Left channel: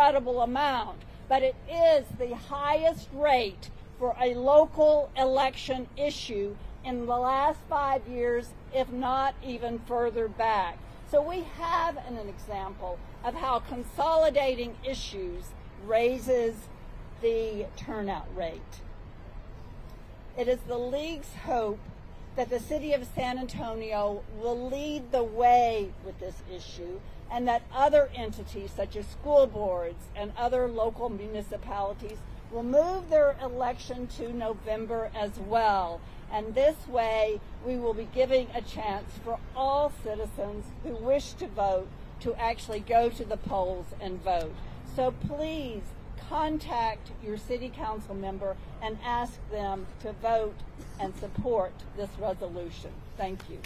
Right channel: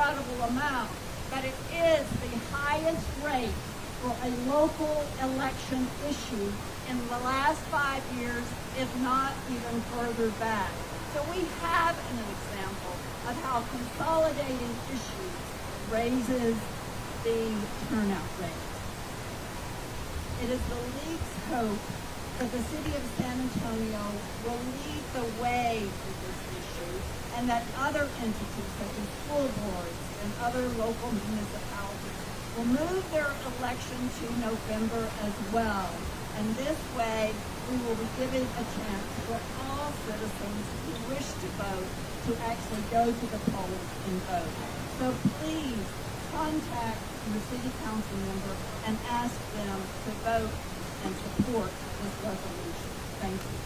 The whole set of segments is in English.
incredible amount, but it is the highest rate for a local election issue in the last 5 years, if not even further back. So we have an example of how consolidating issues raises the turnout rate. It is the League's hope that the city of San Antonio will lead the way with this issue, and that other entities such as school boards and other local municipalities will move their election to November as well. And this way, we will be giving a chance for all citizens who wish to vote to actually go to the polls and vote. So please contact your city council member and ask them to vote and support this resolution. Thank you.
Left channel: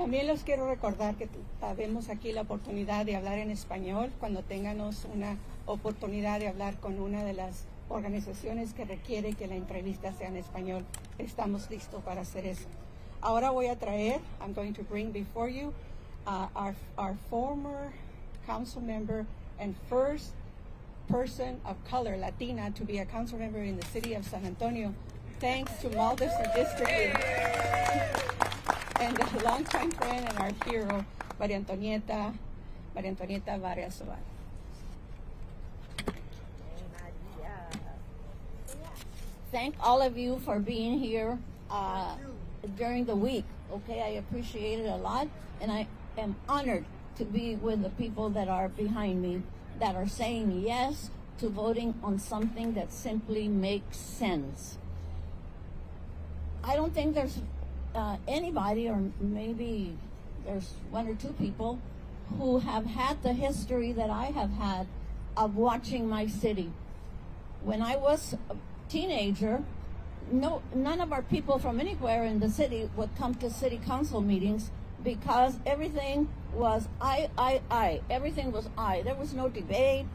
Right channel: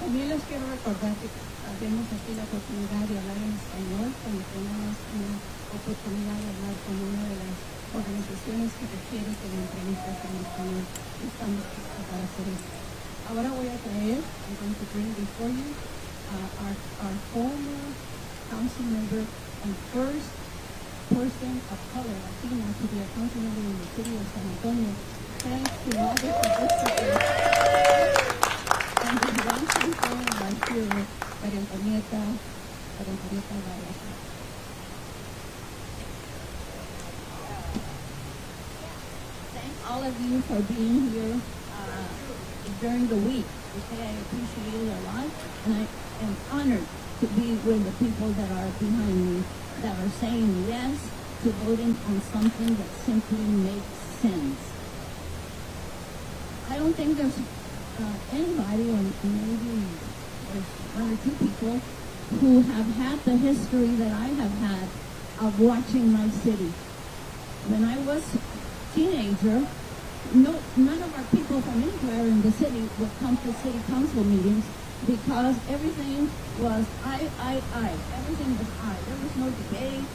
También les quiero recordar que haremos aquí la oportunidad de hablar en español cuando tengamos una oportunidad de hablar con una de las organizaciones que requiere que la entrevista sea en español. Estamos listos para hacer esto. Ahora voy a traer, I'm going to bring before you our former council member and first person of color, Latina, to be a council member in the city of San Antonio. Thanks to all the redistricting. And the longtime friend and our hero, Maria Antonieta Vargas. Thank all of you for being here during the week. Okay, I appreciate it a lot, and I am honored to be with the people that are behind me, that are saying yes to voting on something that simply makes sense. I don't think there's anybody, or maybe there's one or two people, who have had the history that I have had of watching my city. When I was a teenager, none of our people from anywhere in the city would come to city council meetings because everything was I. Everything was I. There was no debate.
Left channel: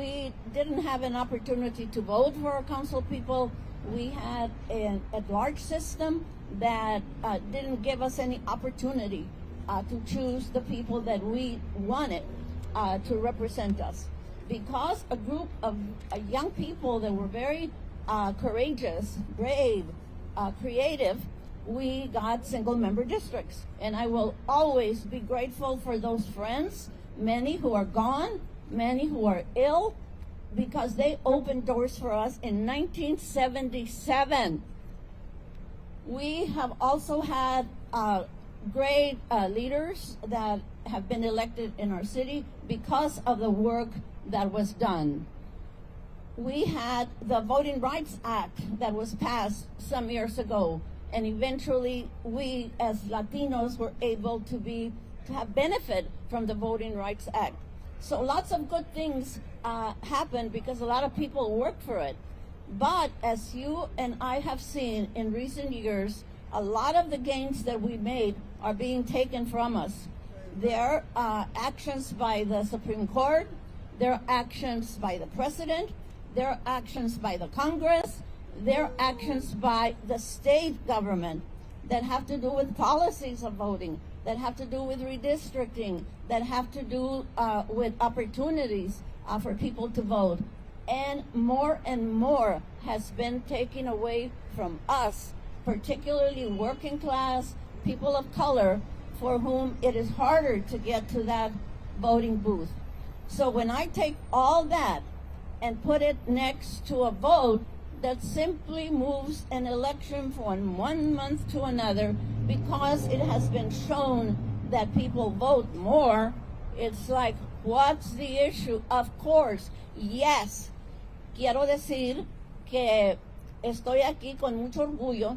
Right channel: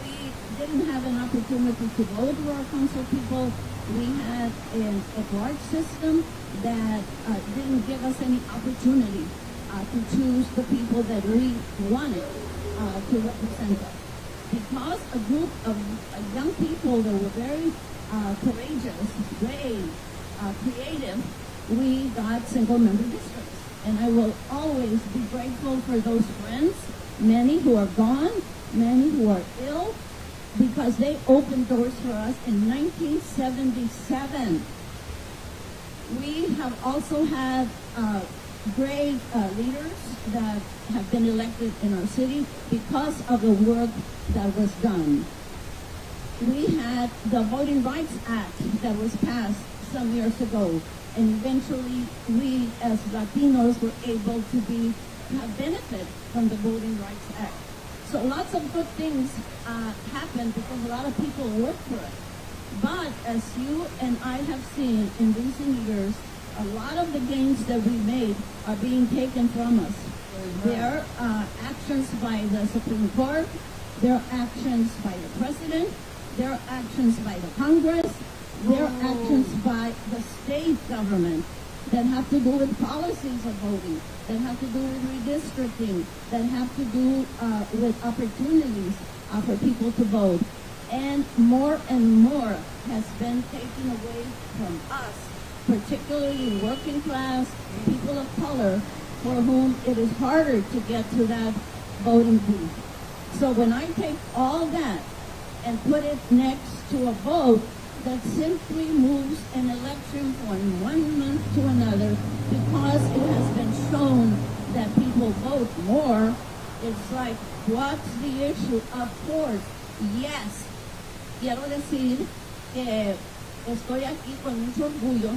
We didn't have an opportunity to vote for our council people. We had a large system that didn't give us any opportunity to choose the people that we wanted to represent us. Because a group of young people that were very courageous, brave, creative, we got single-member districts. And I will always be grateful for those friends, many who are gone, many who are ill, because they opened doors for us in 1977. We have also had great leaders that have been elected in our city because of the work that was done. We had the Voting Rights Act that was passed some years ago, and eventually we as Latinos were able to have benefit from the Voting Rights Act. So lots of good things happened because a lot of people worked for it. But as you and I have seen in recent years, a lot of the gains that we made are being taken from us. There are actions by the Supreme Court, there are actions by the President, there are actions by the Congress, there are actions by the state government that have to do with policies of voting, that have to do with redistricting, that have to do with opportunities for people to vote. And more has been taken away from us, particularly working class, people of color, for whom it is harder to get to that voting booth. So when I take all that and put it next to a vote that simply moves an election from 1 month to another because it has been shown that people vote more, it's like, what's the issue? Of course, yes. Quiero decir que estoy aquí con mucho orgullo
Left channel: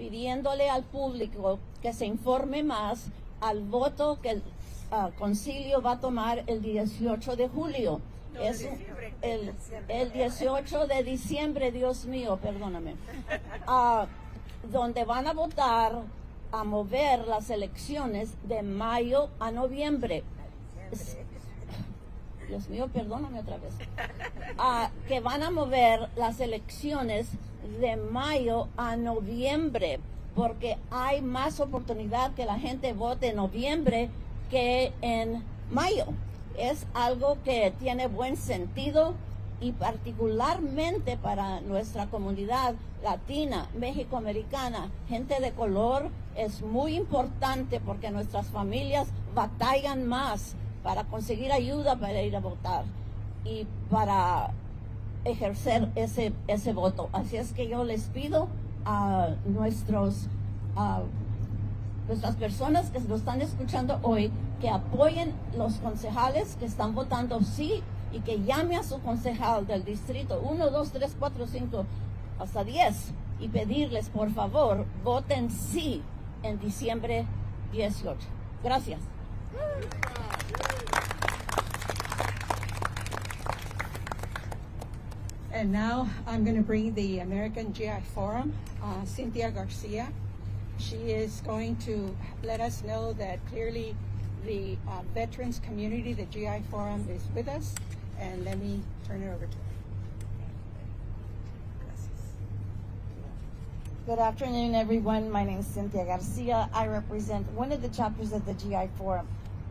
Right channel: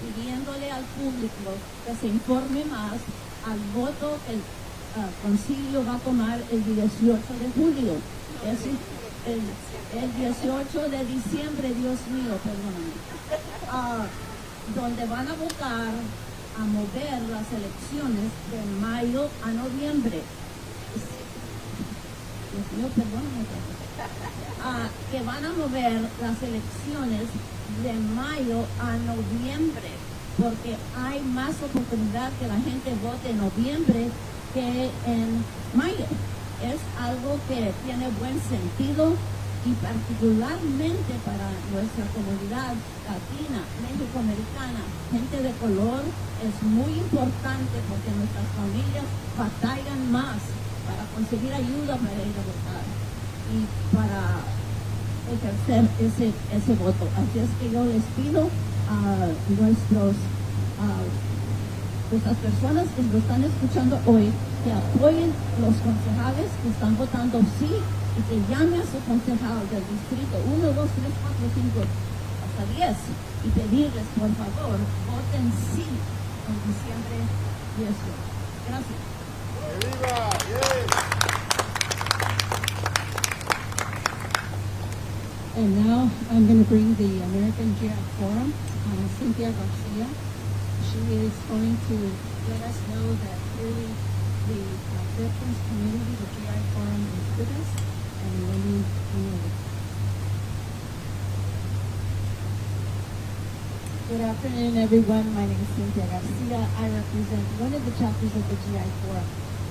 pidiéndole al público que se informe más al voto que el concilio va a tomar el 18 de julio. Es el 18 de diciembre, Dios mío, perdóname. Donde van a votar a mover las elecciones de mayo a noviembre. Dios mío, perdóname. que van a mover las elecciones de mayo a noviembre. porque hay más oportunidad que la gente vote en noviembre que en mayo. Es algo que tiene buen sentido y particularmente para nuestra comunidad latina, mexicoamericana, gente de color, es muy importante porque nuestras familias batallan más para conseguir ayuda para ir a votar y para ejercer ese voto. Así es que yo les pido a nuestras personas que nos están escuchando hoy que apoyen los concejales que están votando sí y que llame a su concejal del distrito 1, 2, 3, 4, 5 hasta 10 y pedirles por favor voten sí en diciembre 18. Gracias. And now I'm going to bring the American GI Forum, Cynthia Garcia. She is going to let us know that clearly the veterans community, the GI Forum, is with us. And let me turn it over. Good afternoon, everyone. My name is Cynthia Garcia. I represent one of the chapters of the GI Forum,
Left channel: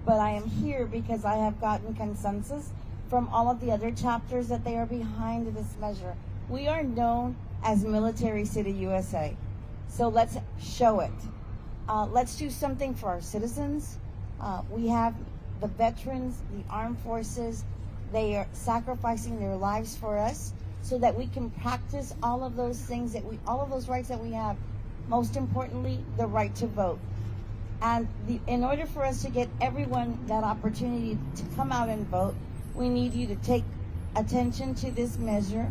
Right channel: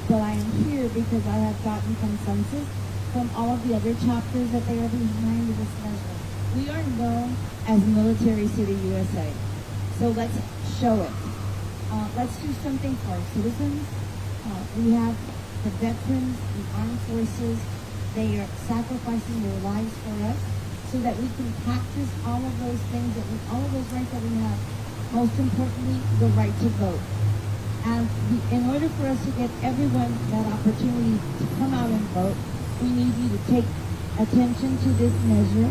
but I am here because I have gotten consensus from all of the other chapters that they are behind this measure. We are known as Military City USA, so let's show it. Let's do something for our citizens. We have the veterans, the armed forces. They are sacrificing their lives for us so that we can practice all of those things all of those rights that we have. Most importantly, the right to vote. And in order for us to get everyone that opportunity to come out and vote, we need you to take attention to this measure,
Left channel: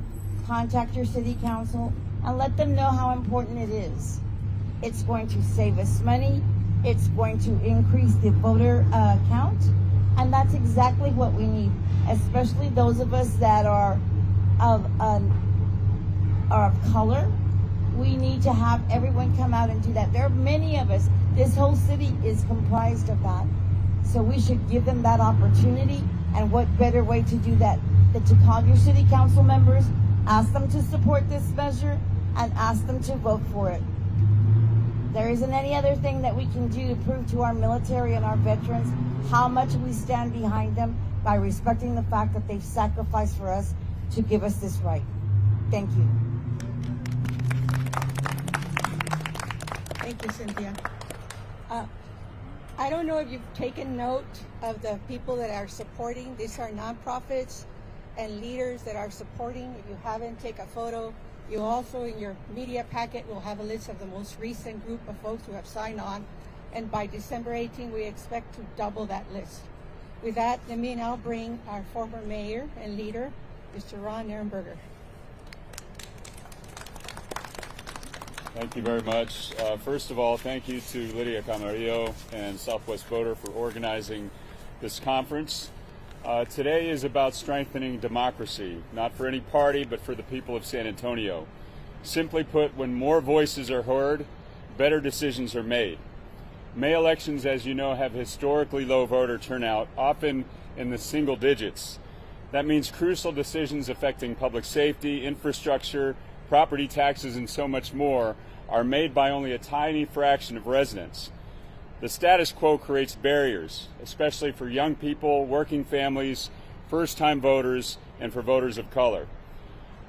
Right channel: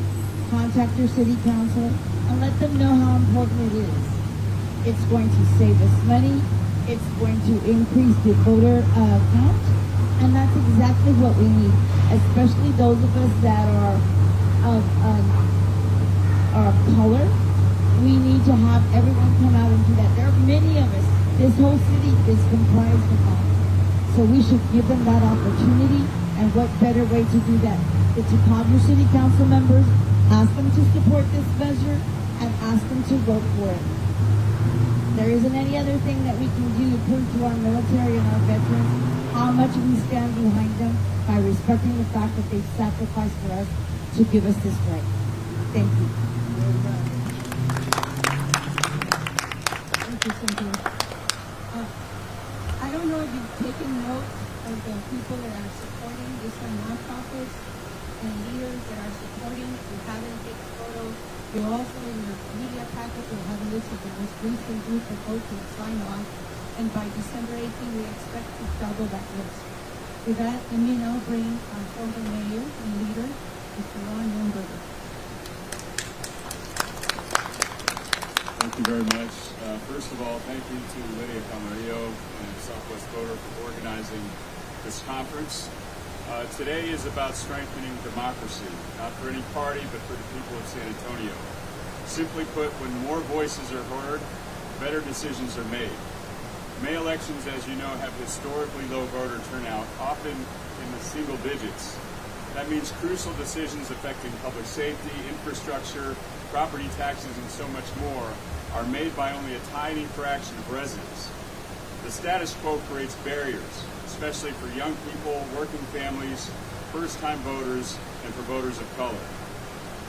contact your city council, and let them know how important it is. It's going to save us money. It's going to increase the voter count. And that's exactly what we need, especially those of us that are of color. We need to have everyone come out and do that. There are many of us. This whole city is comprised of that. So we should give them that opportunity. And what better way to do that than to call your city council members, ask them to support this measure, and ask them to vote for it. There isn't any other thing that we can do to prove to our military and our veterans how much we stand behind them by respecting the fact that they've sacrificed for us to give us this right. Thank you. Thank you, Cynthia. I don't know if you've taken note of the people that are supporting. These are nonprofits and leaders that are supporting. If you haven't, take a photo. You also, in your media packet, you'll have a list of the most recent group of folks who have signed on. And by December 18, we expect to double that list. With that, let me now bring our former mayor and leader, Mr. Ron Nurnberger. Thank you very much. First of all, thank you to Lydia Camarillo and Southwest Voter for organizing this conference. Today is about strengthening democracy, not for any party, but for the people of San Antonio. Simply put, when more voices are heard, better decisions are made. May elections, as you know, have historically low voter turnout, often in the single digits. That means crucial decisions affecting public safety, infrastructure, property taxes, and so much more are made by only a tiny fraction of residents. The status quo creates barriers, especially for young people, working families, first-time voters, and for voters of color.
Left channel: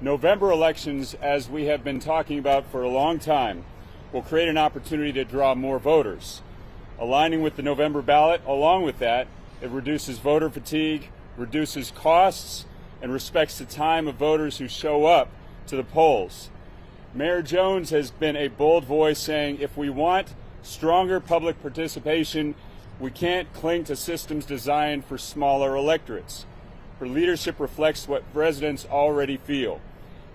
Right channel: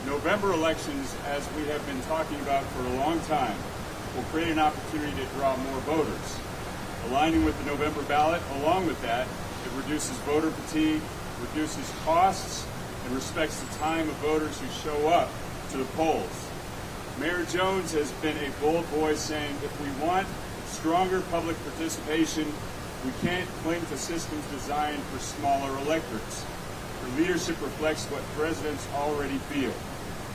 November elections, as we have been talking about for a long time, will create an opportunity to draw more voters. Aligning with the November ballot, along with that, it reduces voter fatigue, reduces costs, and respects the time of voters who show up to the polls. Mayor Jones has been a bold voice saying if we want stronger public participation, we can't cling to systems designed for smaller electorates. Her leadership reflects what residents already feel.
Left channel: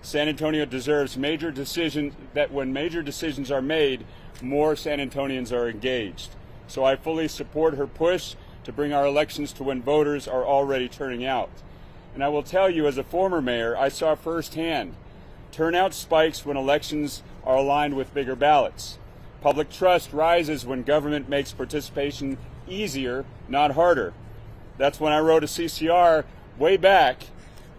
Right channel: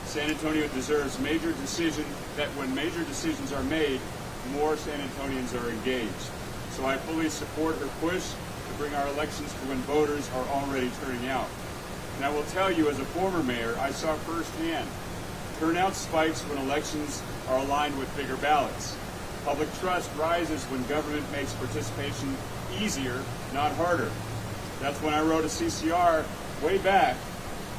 San Antonio deserves that when major decisions are made, more San Antonians are engaged. So I fully support her push to bring our elections to when voters are already turning out. And I will tell you, as a former mayor, I saw firsthand turnout spikes when elections are aligned with bigger ballots. Public trust rises when government makes participation easier, not harder. That's when I wrote a CCR way back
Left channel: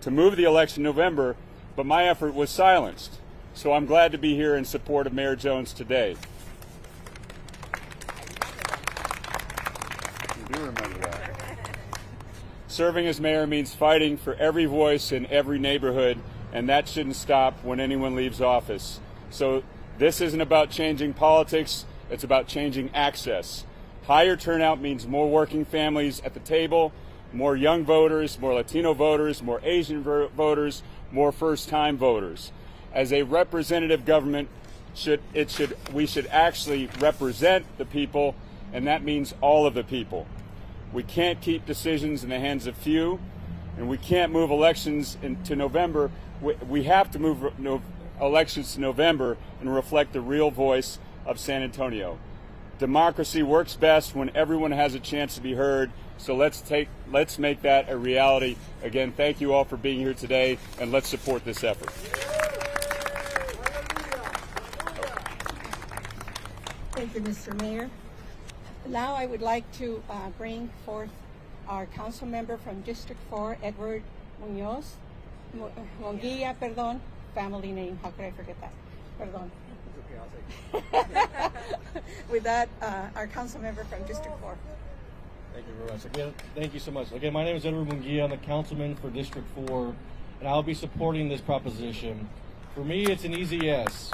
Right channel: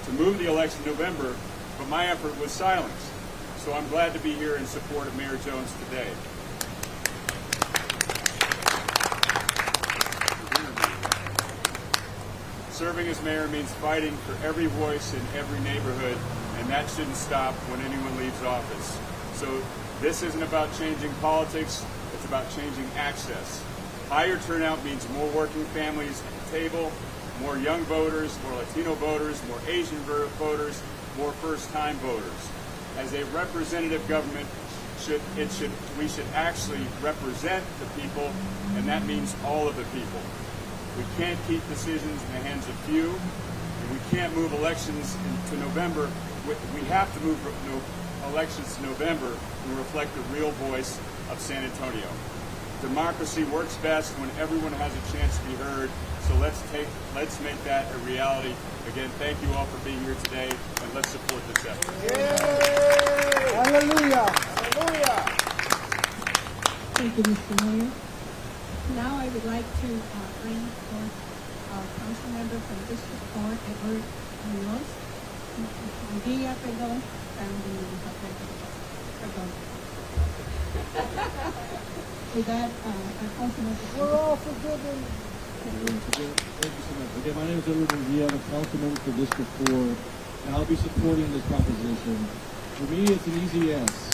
to move the election in November, but my effort was silenced. So I'm glad to be here in support of Mayor Jones today. Serving as mayor means fighting for every voice in every neighborhood, and that shouldn't stop when anyone leaves office. So this isn't about changing politics, it's about changing access. Higher turnout means more working families at the table, more young voters, more Latino voters, more Asian voters, more first-time voters. As a representative government, we should actually represent the people, and that means all of the people. We can't keep decisions in the hands of few, and we can't move elections to November. We have to move elections to November and reflect the real voice of San Antonio. Democracy works best when everyone has a chance to be heard, so let's make that a reality. Again, thank you all for being here today, and let's support this effort. Hallelujah! Hallelujah! Thank you, Mr. Mayor. Now I would like to bring forth our council member from District 4, Edward Munoz. Monguilla, perdón, family name, perdón. With that, our council member from We're all District forgiven. Thank you so much. Okay, my name is Edward Munguia. I'm a councilman for District 4, and I'll be supporting this proposition. For me, it's an easy yes.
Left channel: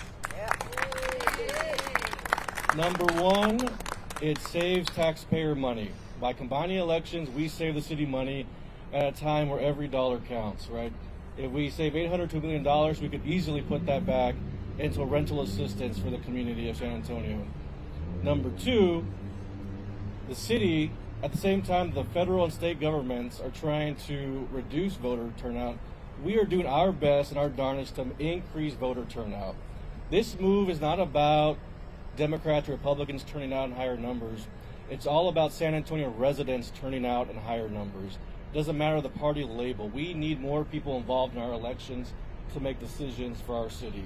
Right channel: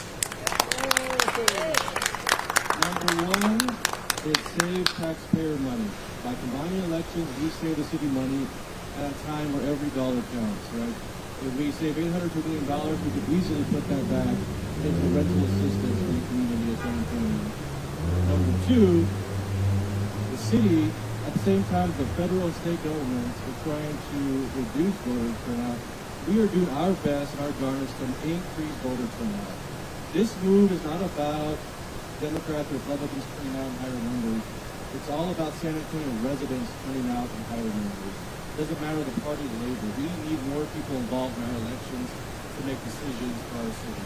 Number one, it saves taxpayer money. By combining elections, we save the city money at a time where every dollar counts, right? If we save $800 to $1 million, we could easily put that back into rental assistance for the community of San Antonio. Number two, the city, at the same time the federal and state governments are trying to reduce voter turnout, we are doing our best and our darndest to increase voter turnout. This move is not about Democrats or Republicans turning out in higher numbers. It's all about San Antonio residents turning out in higher numbers. It doesn't matter the party label. We need more people involved in our elections to make decisions for our city.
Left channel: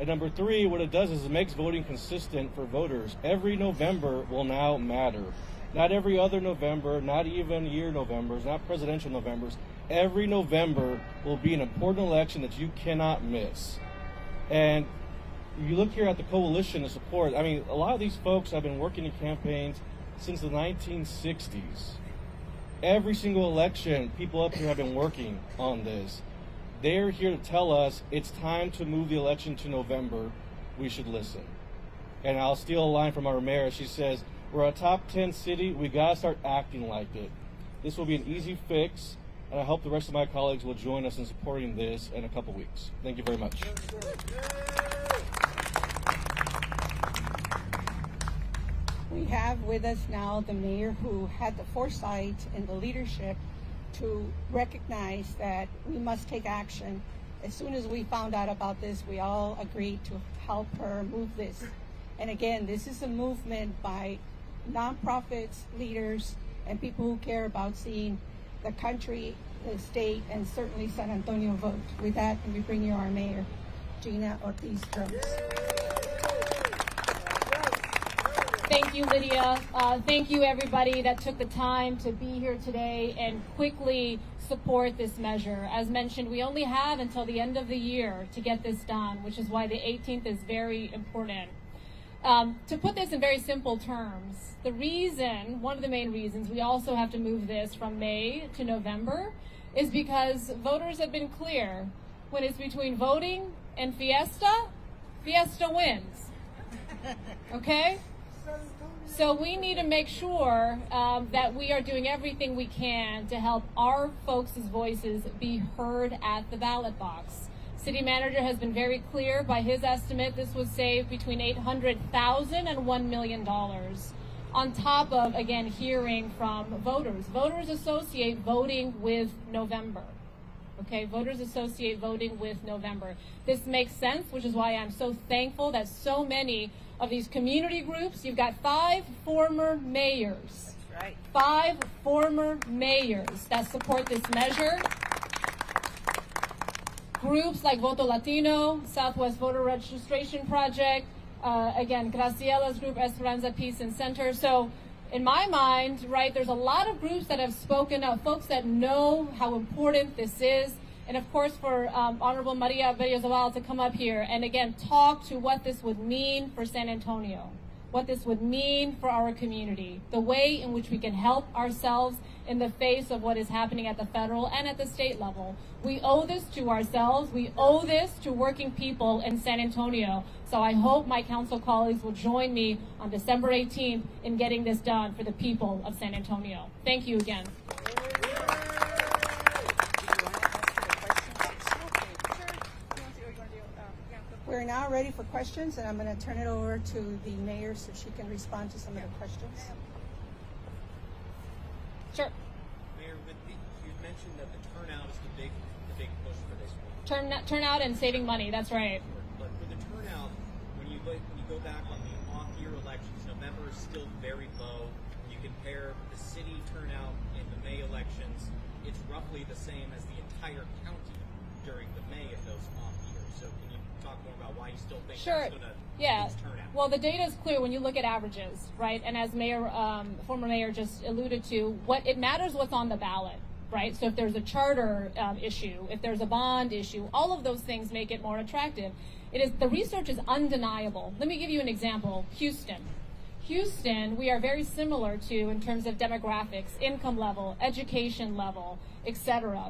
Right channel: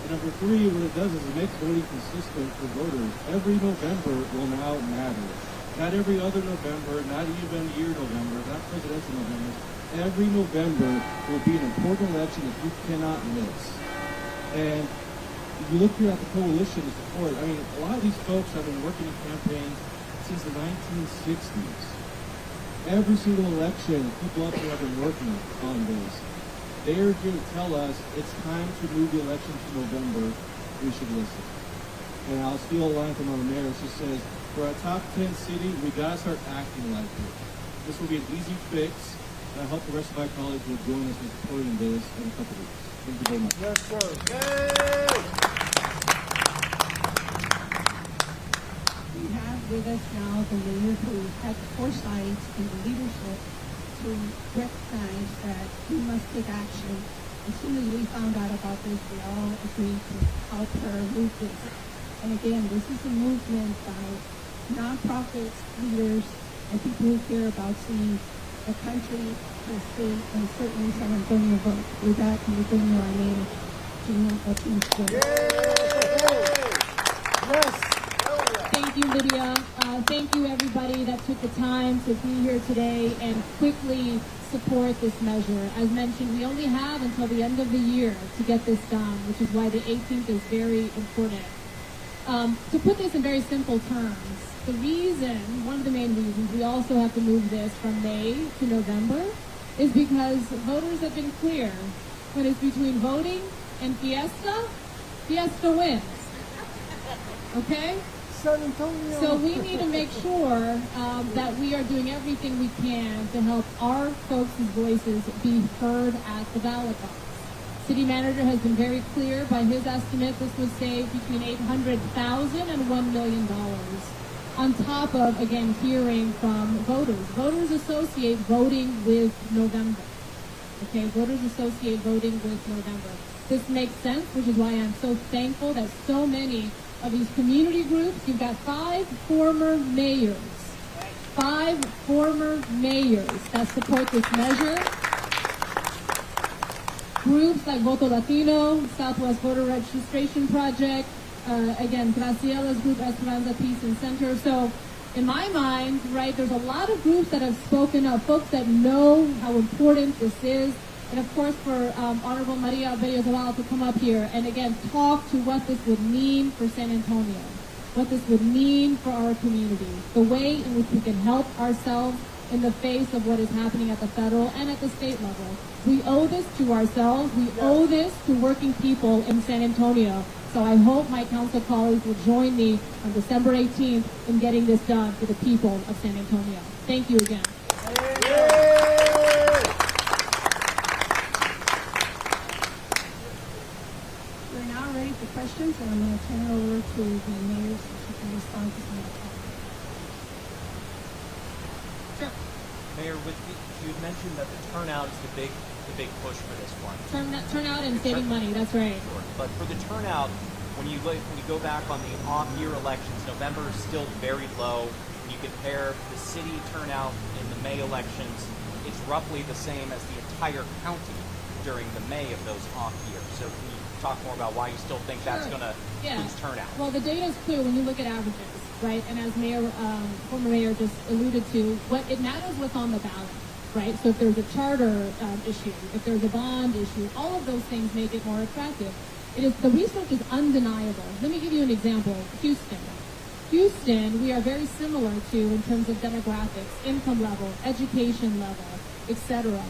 And number three, what it does is it makes voting consistent for voters. Every November will now matter. Not every other November, not even year November, not presidential Novembers. Every November will be an important election that you cannot miss. And if you look here at the coalition of support, I mean, a lot of these folks have been working in campaigns since the 1960s. Every single election, people up here have been working on this. They're here to tell us it's time to move the election to November. We should listen. And I'll steal a line from our mayor. She says, we're a top 10 city. We got to start acting like it. This will be an easy fix, and I hope the rest of my colleagues will join us in supporting this in a couple weeks. Thank you very much. Yes, sir. Yay! We have with us now the mayor who had the foresight and the leadership to recognize that we must take action. As soon as we found out about this, we all agreed to help her move this. And again, this is a movement by nonprofits, leaders, and people who care about seeing the country, the state, and certainly San Antonio vote. With that, can you bring your mayor, Gina Ortiz Jones? Yes. Thank you, Lydia. Thank you, everybody that took the time to be here today and quickly support this measure. As mentioned, we only have until the end of the year to get this done, which is why the 18th is very important. To put this in very simple terms, the reason, one of the main reasons we also have to move this from May to November is because voters have been clear. When it's between voting and fiesta, fiesta wins. Okay? San Antonio. So we need to make sure that we are doing everything we can to help our folks' voices be heard at the ballot box. City manager has been very clear. By his estimate, this would save between $800,000 and $1 million. On top of, again, hearing from voters. Voters associate voting with November. Okay, voters associate voting with November. This makes sense, which is why I'm so thankful that so many of these community groups, you've got 5 former mayors. 5 former mayors that support this measure. Groups like Voto Latino, Southwest Voter Registration Project, again, Graciela's group, Esperanza Peace and Center. So in my mind, right, there's a lot of groups that have spoken up, folks that know how important this is. And of course, for Honorable Maria Bello Zavala to come up here and again talk to what this would mean for San Antonio, what this would mean for our community, the way in which we can help ourselves in the face of what is happening at the federal and at the state level. We owe this to ourselves. We owe this to working people in San Antonio. So I hope my council colleagues will join me on December 18th in getting this done for the people of San Antonio. Thank you again. We're now ready for questions, and I'm going to turn it over to the mayor so she can respond to some of the questions. Sure. Mayor, you had mentioned that the turnout is the big push for this one. Turnout and saving money. That's right. Sure. But for the turnout, when you go back on the off-year elections, November is still very low. When you compare the city turnout in the May elections, it's roughly the same as the entire county during the May of those off years. So can you talk more about why you still think that's going to boost turnout? Well, the data is clear when you look at averages, right? And as former mayor just alluded to, it matters what's on the ballot, right? So if there's a charter issue, if there's a bond issue, all of those things make it more attractive. The research is undeniable. Let me give you an example. Houston, we are very similar to in terms of demographics, income level, education level, etc.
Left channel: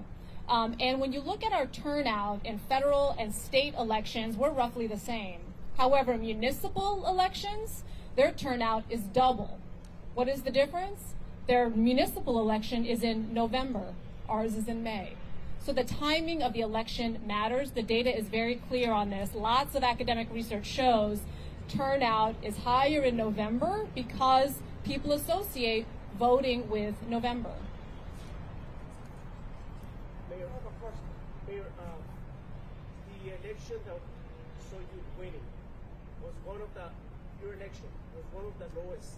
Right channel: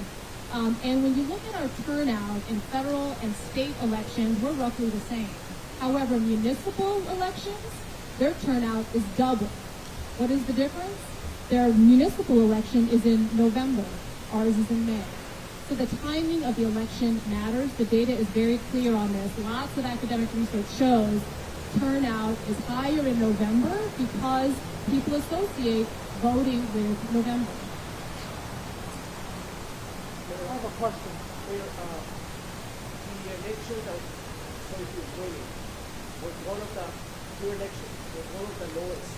And when you look at our turnout in federal and state elections, we're roughly the same. However, municipal elections, their turnout is double. What is the difference? Their municipal election is in November. Ours is in May. So the timing of the election matters. The data is very clear on this. Lots of academic research shows turnout is higher in November because people associate voting with November. I have a question. The election that Sophie is winning was one of the two elections, was one of the lowest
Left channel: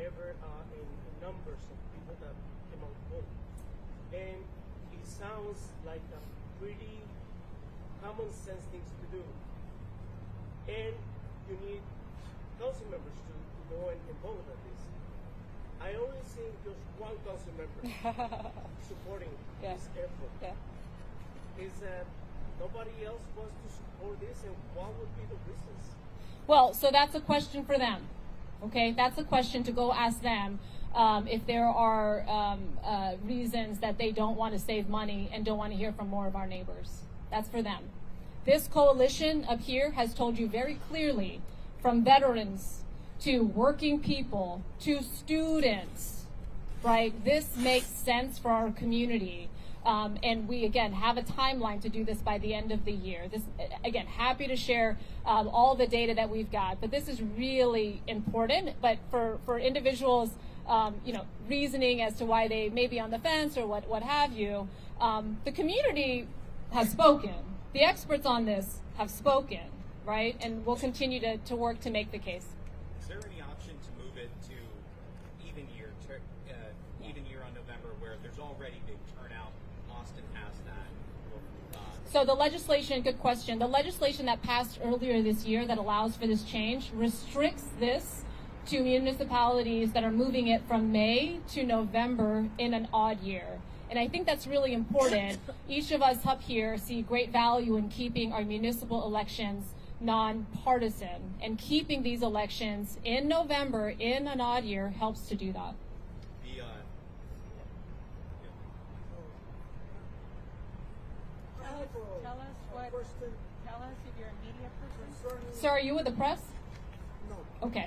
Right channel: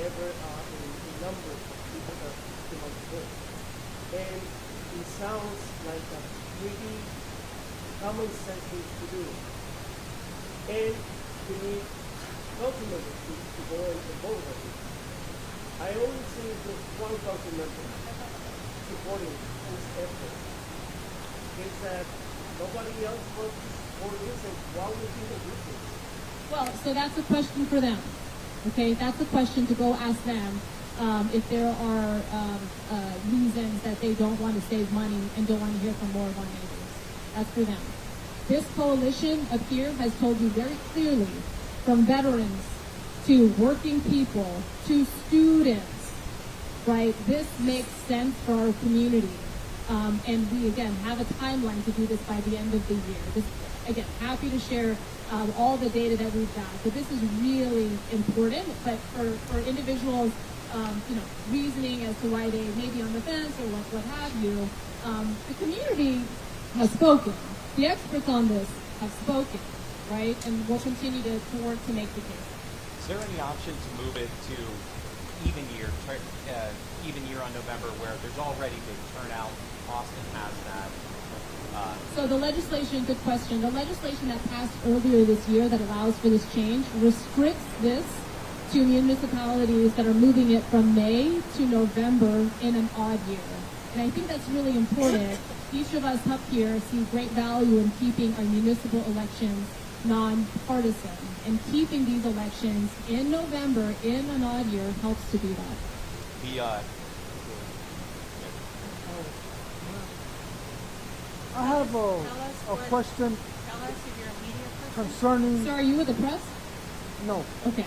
ever in numbers of people that came out to vote. And it sounds like a pretty common sense thing to do. And we need council members to go and vote on it. I only see just one council member supporting this effort. Is that nobody else wants to support this, and why would be the reason? Well, so that's a question for them. Okay, that's a question to go ask them if there are reasons that they don't want to save money and don't want to hear from more of our neighbors. That's for them. This coalition up here has told you very clearly, from veterans to working people to students, right? This makes sense for our community. And we, again, have a timeline to do this by the end of the year. Again, happy to share all the data that we've got. But this is really important. But for individuals, reasoning as to why they may be on the fence or what have you, the community has spoken. The experts on this have spoken, right? And we'll continue to work to make the case. Is there any option to move it to even year on November where there's already big turnout? Austin has that. So the legislation, good question. The legislation that passed earlier this year that allows for this change restricts this to municipalities that are moving it from May to November in an odd year. And I think that's really important. Each of us up here see great value in keeping our municipal elections nonpartisan. And keeping these elections in November in an odd year helps to do that. I have a question Tell us if you're a media person. concerning. So are you with the press? No, Okay.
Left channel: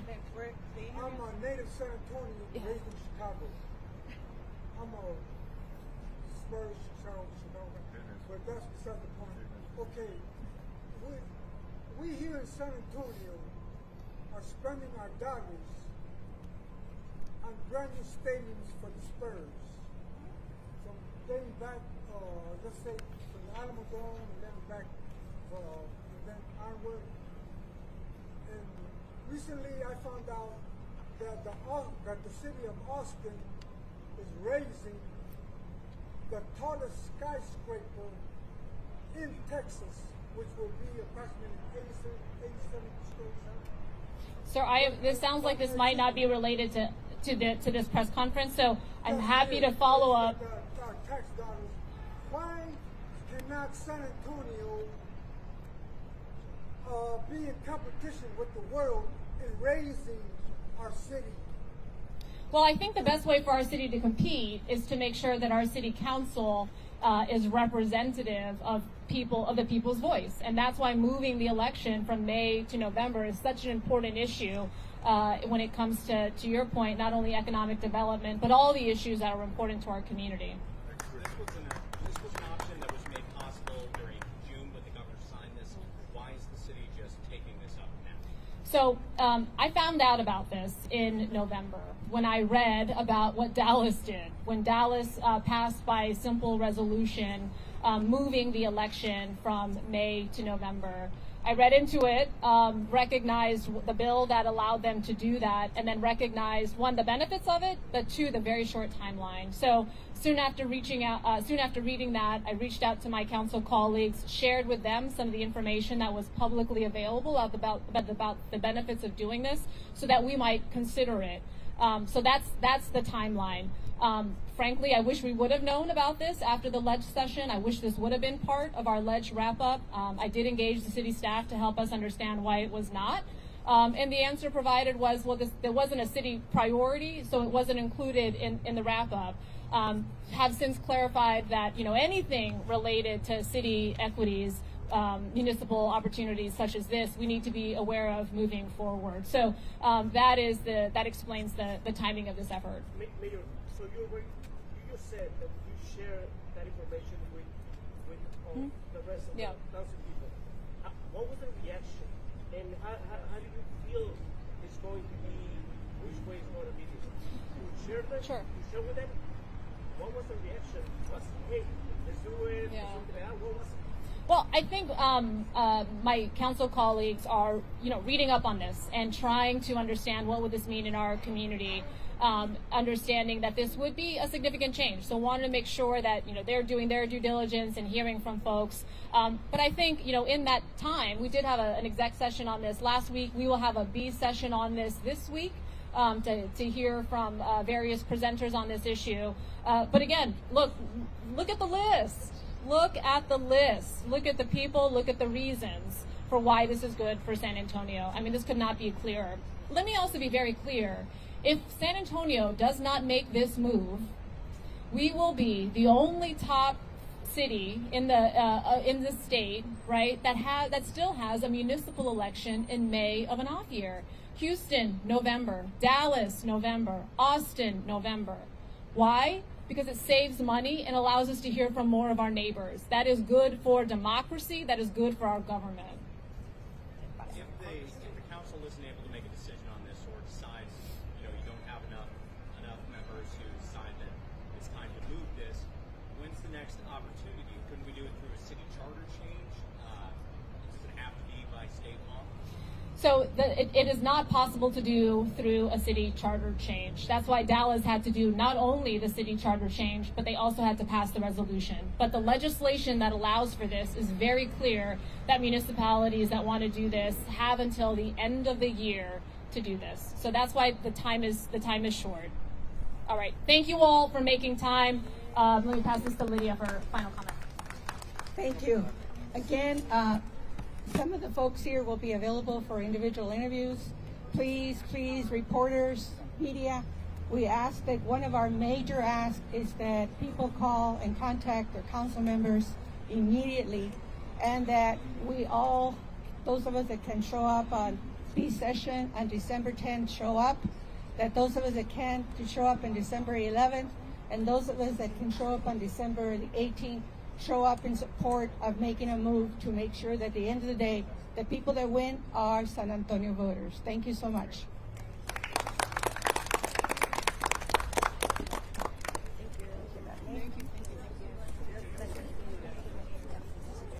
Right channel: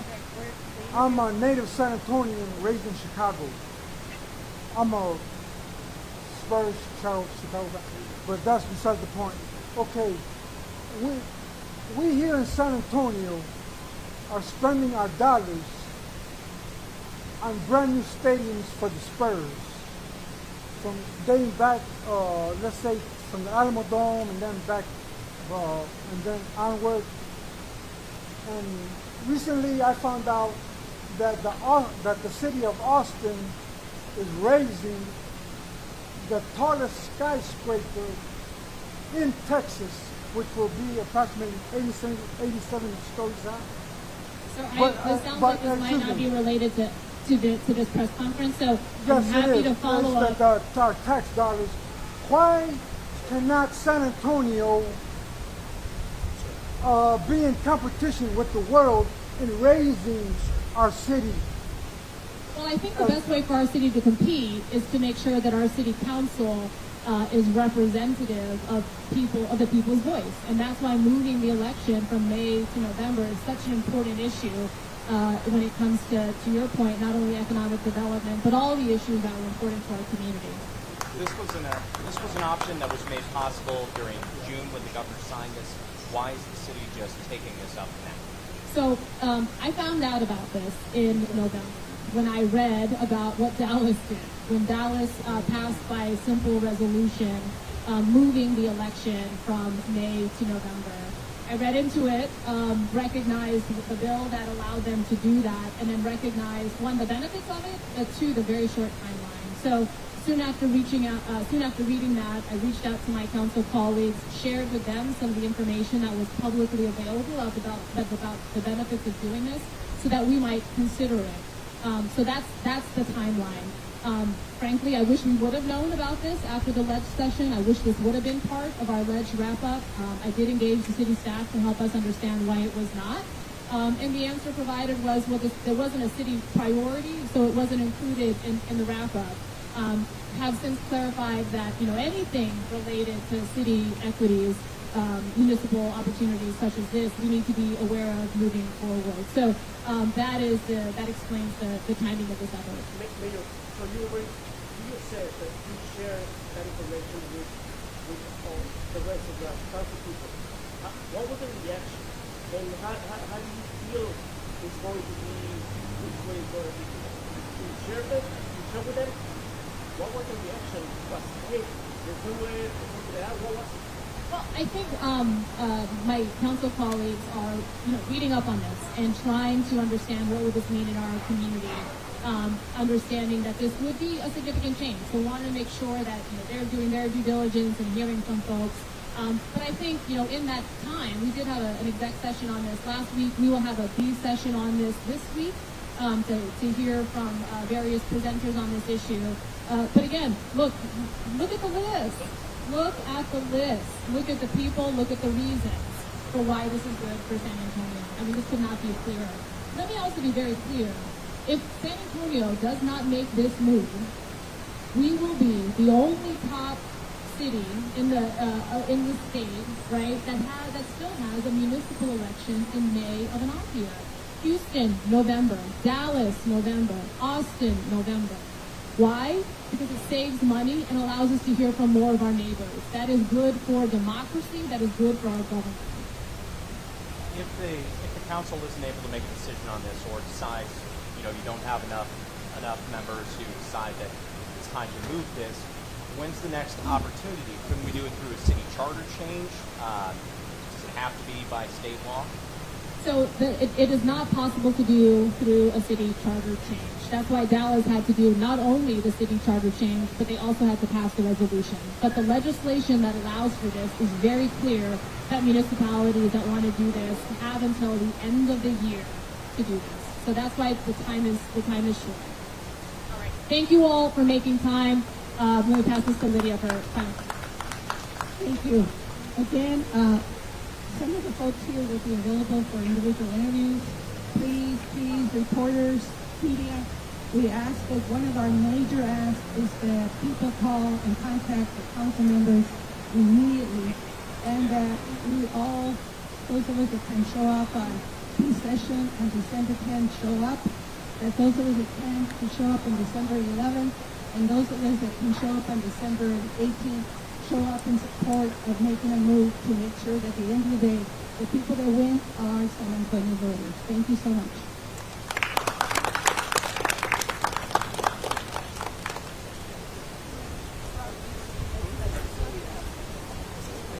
I'm a native San Antonian raised in Chicago. I'm a Spurs child of Chicago, but that's beside the point. Okay, we here in San Antonio are spending our dollars on brand new stadiums for the Spurs. From dating back, let's say from the Alamo Dome and then back, and then onward. And recently I found out that the city of Austin is raising the tallest skyscraper in Texas, which will be approximately 87 stories high. So this sounds like this might not be related to this press conference, so I'm Yes, happy it to is. follow up. That's our tax dollars. Why cannot San Antonio be in competition with the world in raising our city Well, I think the best way for our city to compete is to make sure that our city council is representative of the people's voice. And that's why moving the election from May to November is such an important issue when it comes to your point, not only economic development, but all the issues that were important to our community. This was an option that was made possible during June when the governor signed this. Why is the city just taking this up now? So I found out about this in November when I read about what Dallas did. When Dallas passed by simple resolution moving the election from May to November. I read into it, recognized the bill that allowed them to do that, and then recognized, one, the benefits of it, but two, the very short timeline. So soon after reading that, I reached out to my council colleagues, shared with them some of the information that was publicly available about the benefits of doing this, so that we might consider it. So that's the timeline. Frankly, I wish we would have known about this after the ledge session. I wish this would have been part of our ledge wrap-up. I did engage the city staff to help us understand why it was not. And the answer provided was, well, there wasn't a city priority, so it wasn't included in the wrap-up. Have since clarified that, anything related to city equities, municipal opportunities such as this, we need to be aware of moving forward. So that explains the timing of this effort. Mayor, so you said that you share that information with all the rest of the council people. What was the reaction? And how do you feel it's going to be, which way it's going to be? You share with them? You share with them? What was the reaction? Was it, they do it, what was it? Well, I think my council colleagues are, reading up on this and trying to understand what would this mean in our community. Understanding that this would be a significant change. So wanting to make sure that, they're doing their due diligence and hearing from folks. But I think, in that time, we did have an exec session on this last week. We will have a B session on this week to hear from various presenters on this issue. But again, look at the list. Look at the list. Look at the people. Look at the reasons for why this is good for San Antonio. I mean, this could not be clearer. Let me also be very clear. If San Antonio does not make this move, we will be the only top city in the state, right, that still has a municipal election in May of an off year. Houston, November. Dallas, November. Austin, November. Why? Because it saves money and allows us to hear from more of our neighbors. That is good for democracy. That is good for our government. If the council isn't able to make a decision on this, or decides, you don't have enough members who decide that it's time to move this, when's the next opportunity? Couldn't we do it through a city charter change? Does it have to be by state law? So it is not possible to do through a city charter change. That's why Dallas had to do not only the city charter change, but they also had to pass the resolution. But the legislation that allows for this is very clear that municipalities that want to do this have until the end of the year to do this. So that's why the time is short. All right. Thank you all for making time. Let me pass this to Lydia for final comment. Thank you. Again, some of the folks here will be available for individual interviews. Please, reporters, media, we ask that one of our major asks is that people call and contact the council members immediately, and that we all, those of us that can show up on B session on December 10th, show up, that those of us that can show up on December 11th, and those of us that can show up on December 18th, show up in support of making a move to make sure that at the end of the day, the people that win are San Antonio voters. Thank you so much.